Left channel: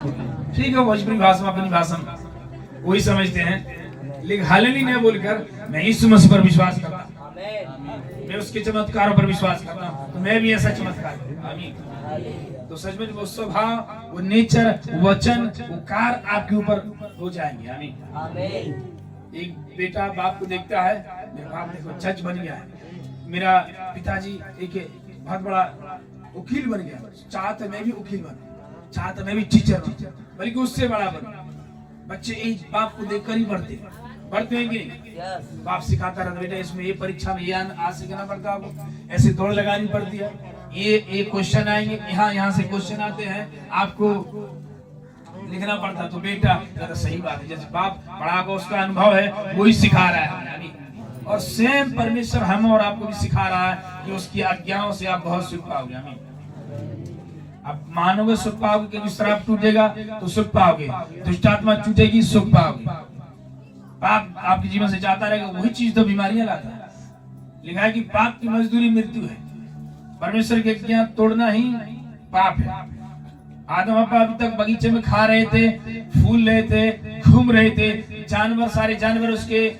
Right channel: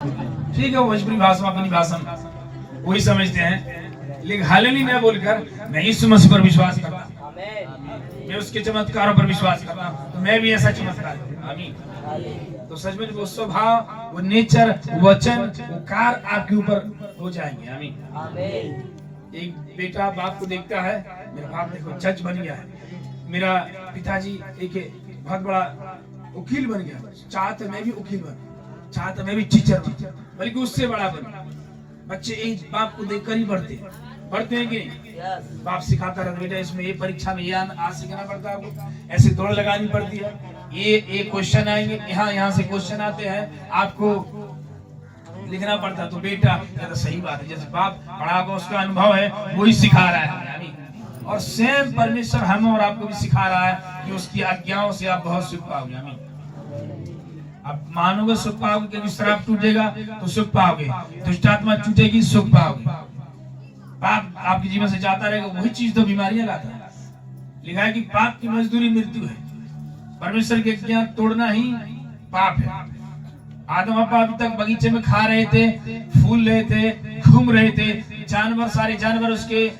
ठीक है, भोजपुरी भाषा अपनी भाषा वही समझते हैं, लेकिन हालेलुया नहीं बोलकर मैं यीशु मसीह पर विश्वास करता हूं, मैं उसके चमत्कारों पर विश्वास करता हूं, तो मैं भी ऐसा चमत्कार करूं। आमीन। तो सच में वो स्वभाव, वो नेचर, वचन, वो कार्य आपके ऊपर हो जाएंगे। आमीन। एक बेटा बाप को देखता है, मेरा बाप देखो जज बन गया है, मेरा पिताजी एक बहुत बड़ा वकील बन गया, चाहते मैं भी वकील बन, चाहते मैं भी टीचर बन, बल्कि उससे बड़ा बन। बच्चे एक बाप को देखकर ही बढ़ते हैं कि नहीं? बाप सिखाता रहता बेटा इसमें ये परीक्षा में ये आज सीखना पड़ता है, आपको ऐसे दौड़ लगानी पड़ती है, ये क्वेश्चन आएंगे, यहाँ से क्वेश्चन आते हैं, आपको लिखना पड़ता है। तो बेटा तो सही बात है, जैसे बाप बड़ा को उसका अनुभव है वही सिखा रहा है, और सेम परमेश्वर हम और आपको भी सिखा रहा है कि उसकी आज्ञाओं से आप बहुत सुख पाओगे। आमीन। आप मानोगे सुख पाओगे, कि शराब टूटेगा तो सुख पाओगे, दुष्ट आत्मा टूटेगी सुख पाओगे। पाप आपके जीवन से जाता रहेगा, वही चीज तो बीमारियां लाता है। लिखा है कि पाप की मजदूरी मृत्यु है, परमेश्वर की आज्ञा तोड़ना ही पाप है। आदम अब्बा अभी तक बगीचे में खा रहे थे, फूल रहे थे, घूम रहे थे, जानवर, सारे जानवर उसके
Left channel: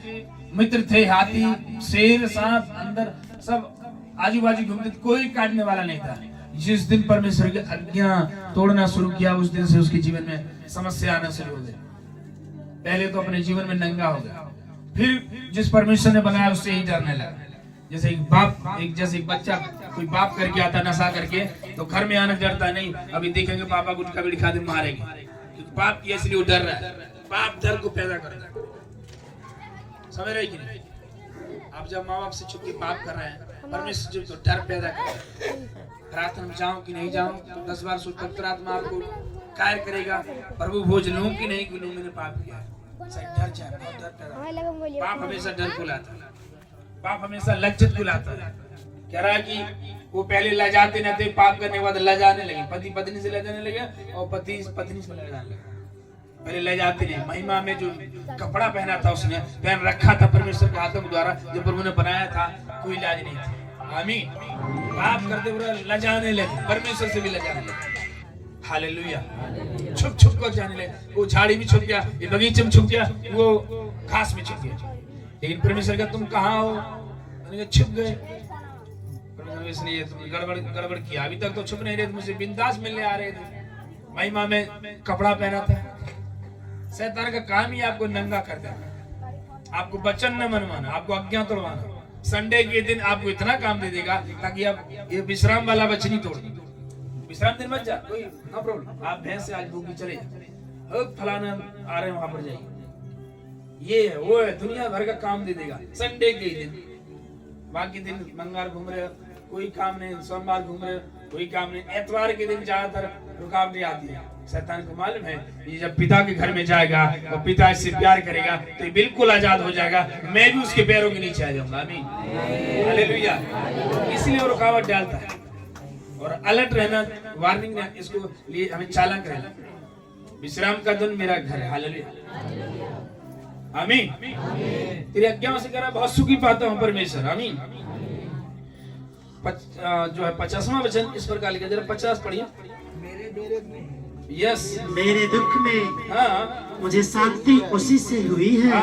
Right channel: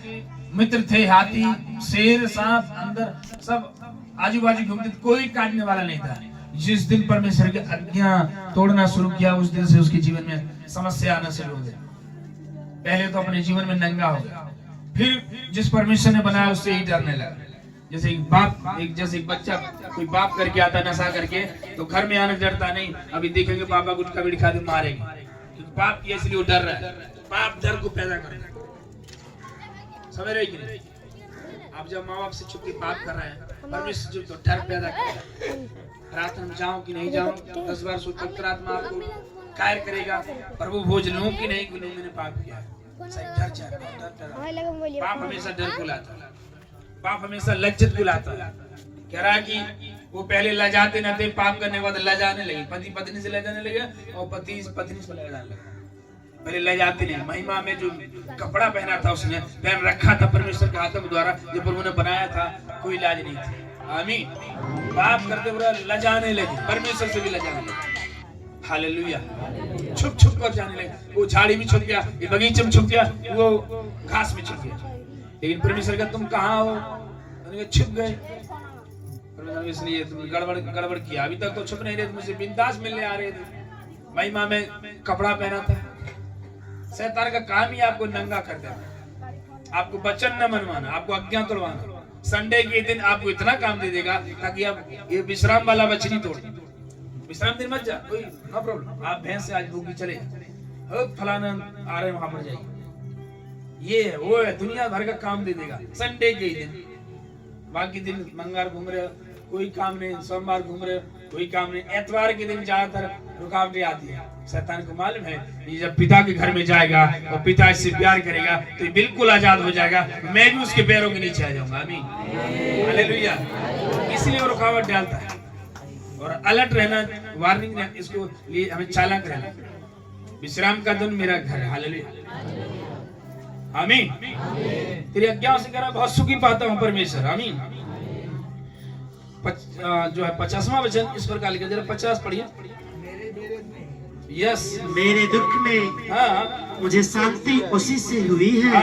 मित्र थे, हाथी, शेर, सांप, अंदर सब आजू बाजू घूमते, कोई काटने वाला नहीं था। जिस दिन परमेश्वर की आज्ञा तोड़ना शुरू किया, उस दिन से उसके जीवन में समस्या आना शुरू हो गई। पहले तो अपने जीवन में नंगा हो गया, फिर जिस परमेश्वर ने बनाया उससे ही डरने लगा। जैसे एक बच्चा कोई बाप करके आता नशा करके, तो घर में आने डरता नहीं, अभी देखेंगे पापा गुटखा बीड़ी खाते मारेंगे, क्योंकि बाप की इसलिए वो डर रहा है। बाप डर को पैदा करेगा, समझ रहे कि नहीं? आप जब माँ बाप से छुट्टी पाप कर रहे हैं, परमेश्वर जो तो डर पैदा कर रहा है, रात में जाऊं कि नहीं जाऊं, तो 10 बार सोचकर अंतरात्मा आपको कार्य करेगा, प्रभु भोज लूं कि नहीं लूं, मैंने पाप किया है। डर जाएगा, पाप हमेशा डर को लाता है, पाप हमेशा लज्जत को लाता है। कह रहा है कि वो पहले लजाते न थे, पाप करने के बाद लजाने लगे, पति पत्नी से लजाने लगे और पति पत्नी से लजाने लगे। पहले लजाते नहीं, महिमा में जो कपड़ा पहना था उसने पहन रखा था परमेश्वर के हाथों द्वारा, जो प्रभु ने बनाया था, कोई लाज नहीं थी। आमीन। बात करते हुए लजाने लगे, परमेश्वर से भी लजाने लगे। हालेलुया। छुप छुप कर जाने लगे, वो झाड़ी में छुप गया, ये बगीचे में छुप गया, वो घास में छुप गया। लेकिन परमेश्वर का तुम कहाँ हो? छुप गए, इसलिए तुम गड़बड़ किया। अभी तक तो छुप नहीं रहे थे, मुझसे बिंदास मिलने आ रहे थे, महिमा में कपड़ा पहना था। शैतान का काम ही आपको नंगा कर देना, आपको वचन न मनवाना, आपको आज्ञा तोड़वाना। संडे के दिन आपको इतना काम दे देगा ताकि आप ये विश्राम वाला बचनी तोड़ दे। विश्राम दिन मत जा, कोई नो प्रॉब्लम, आप भैंस से आज भूखी चले जाए, फलाना आ रहे वहां पर जाइए, ये है वो है, दुनिया भर का काम दे देगा संडे के दिन। बाकी दिन मंगलवार घूम रहे, कोई काम नहीं, सोमवार घूम रहे, कोई काम नहीं, एतवार के दिन ज्यादातर रुकावटें आती है। शैतान को मालूम है कि जब पिता के घर में जाएगा और पिता इससे प्यार करेगा तो ये बिल्कुल आजाद हो जाएगा, मैं भी उसके पैरों के नीचे आ जाऊंगा। आमीन, हालेलुया। इसलिए वो रुकावट डालता है, और अलर्ट रहना, वार्निंग रहना, इसको लिए हमें चालाक रहना। विश्राम का दिन मेरा घर है। हालेलुया, आमीन। तेरी आज्ञाओं से कह रहा बहुत सुखी पाता हूँ परमेश्वर। आमीन। जो है 50वां वचन इस प्रकार लिखा, जरा 50 पढ़िए। यस, मेरे दुख में मुझे शांति उसी से हुई है,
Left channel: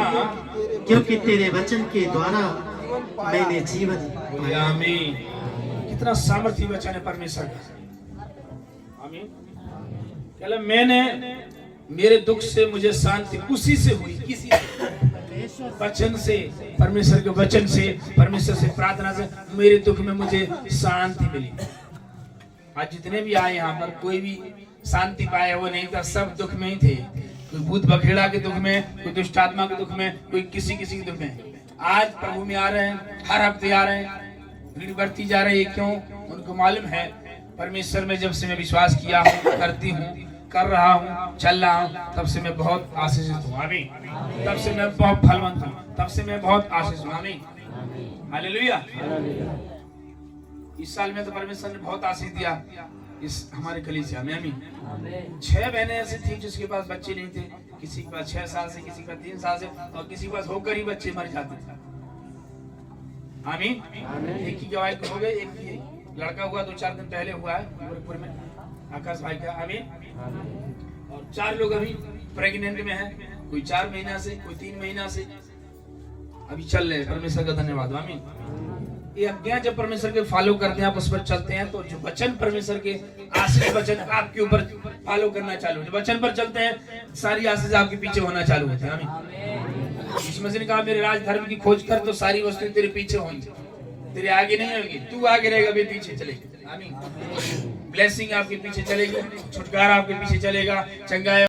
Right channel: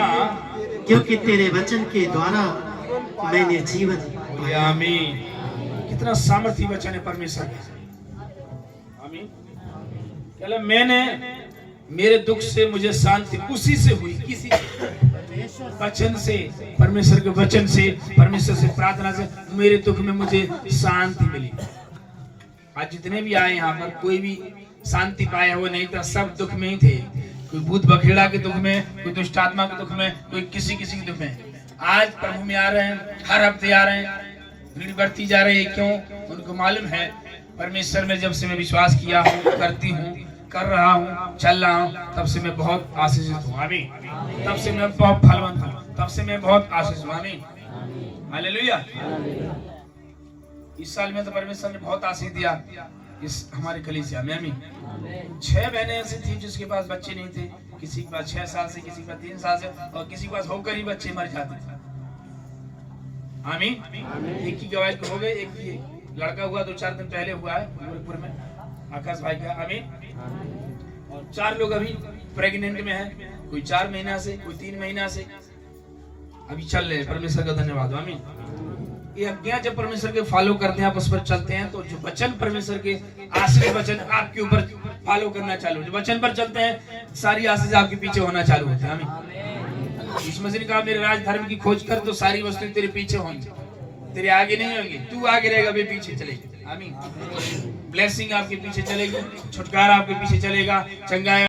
क्योंकि तेरे वचन के द्वारा मैंने जीवन पाया। आमीन। कितना सामर्थ्य वचन है परमेश्वर का। आमीन। कहला मैंने, मेरे दुख से मुझे शांति उसी से हुई, किसी वचन से, परमेश्वर के वचन से, परमेश्वर से प्रार्थना से मेरे दुख में मुझे शांति मिली। आज जितने भी आए यहाँ पर, कोई भी शांति पाया वो नहीं था, सब दुख में ही थे। कोई भूत बखेड़ा के दुख में, कोई दुष्ट आत्मा के दुख में, कोई किसी के दुख में। आज प्रभु में आ रहे हैं, हर हफ्ते आ रहे हैं, भीड़ बढ़ती जा रही है। क्यों? उनको मालूम है परमेश्वर में जब से मैं विश्वास किया हूँ, करती हूँ, कर रहा हूँ, चल रहा हूँ, तब से मैं बहुत आशीषित हूँ। आमीन। तब से मैं बहुत फलवंत हूँ, तब से मैं बहुत आशीष हूँ। आमीन, हालेलुया। इस साल में तो परमेश्वर ने बहुत आशीष दिया इस हमारे कलीसिया में। आमीन। 6 बहनें ऐसी थी जिसके पास बच्चे नहीं थे, किसी के पास 6 साल से, किसी के पास 3 साल से, और किसी के पास होकर ही बच्चे मर जाते थे। आमीन। एक की गवाही हो गई, एक लड़का हुआ 2-4 दिन पहले हुआ है गोरखपुर में, आकाश भाई का। आमीन। और 4 लोग अभी प्रेग्नेंट में है, कोई 4 महीना से, कोई 3 महीना से अभी चल रहे हैं। परमेश्वर का धन्यवाद, आमीन। ये आज्ञा जब परमेश्वर के फॉलो करते हैं, आप उस पर चलते हैं, तो जो वचन परमेश्वर के आशीष वचन आपके ऊपर फॉलो करना चालू, जो वचन पर चलते हैं सारी आशीष आपके पीछे होना चालू होते हैं, आमीन। यीशु मसीह ने कहा मेरे राज धर्म की खोज कर तो सारी वस्तुएं तेरे पीछे होंगी, तेरे आगे नहीं होंगी, तू आगे रहेगा, वे पीछे चलेगी, आमीन। ब्लेसिंग आपके पीछे चलेगी, छुटकारा आपके पीछे चलेगा, चंगाई